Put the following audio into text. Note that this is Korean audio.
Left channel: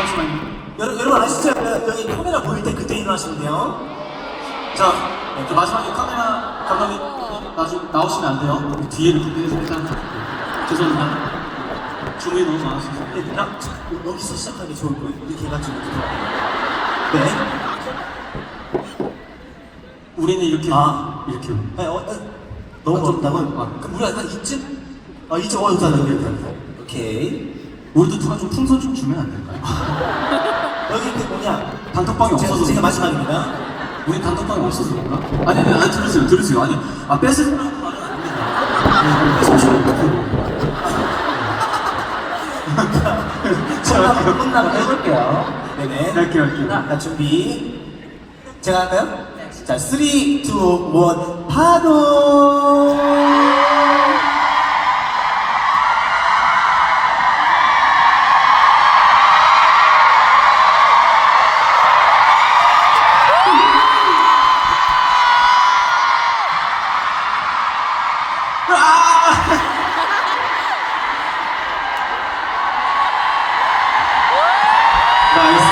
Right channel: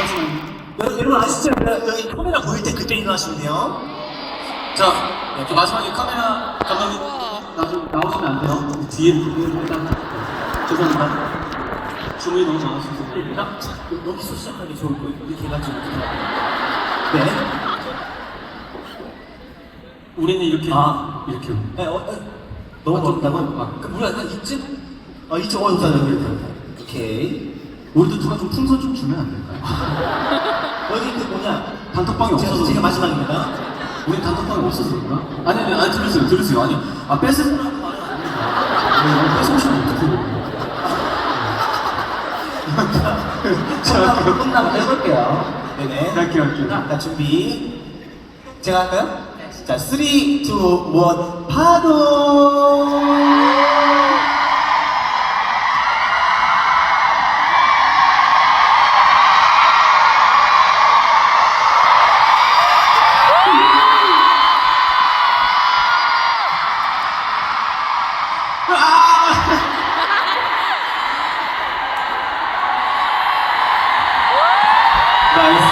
잠시만요. 여러분 아시죠? 여기 카메라 보일 때 그때 일어나시면 돼요. 자, 그 마지막에 카메라 감독님 나오시면 안 돼요. 우리 뒤에 죄송합니다. 주문이 너무 많으셔서. 여기서 시작하는 게 좋을 거예요. 이렇게 해가지고 네. 우리는 이렇게 이렇게. 네, 너무 어렵다고요? 그럼 우리 약간 이쯤? 이쯤 좋다는 거예요. 오케이. 우리도 누가 좀 풍선 좀 주면 안 될까요? 여기 그 뭐냐? 단톡방이 없어서. 제가 마지막입니다. 우리 단톡방이 없어서 그런가? 아니 들으세요. 아니 뺏으라고 말은 아닙니다. 뺏으시면 어떡해요? 제가 끝나고 해볼게요. 네네. 갈게요. 자, 준비. 제가 할까요? 자, 3, 2, 1, 파도! 나이스.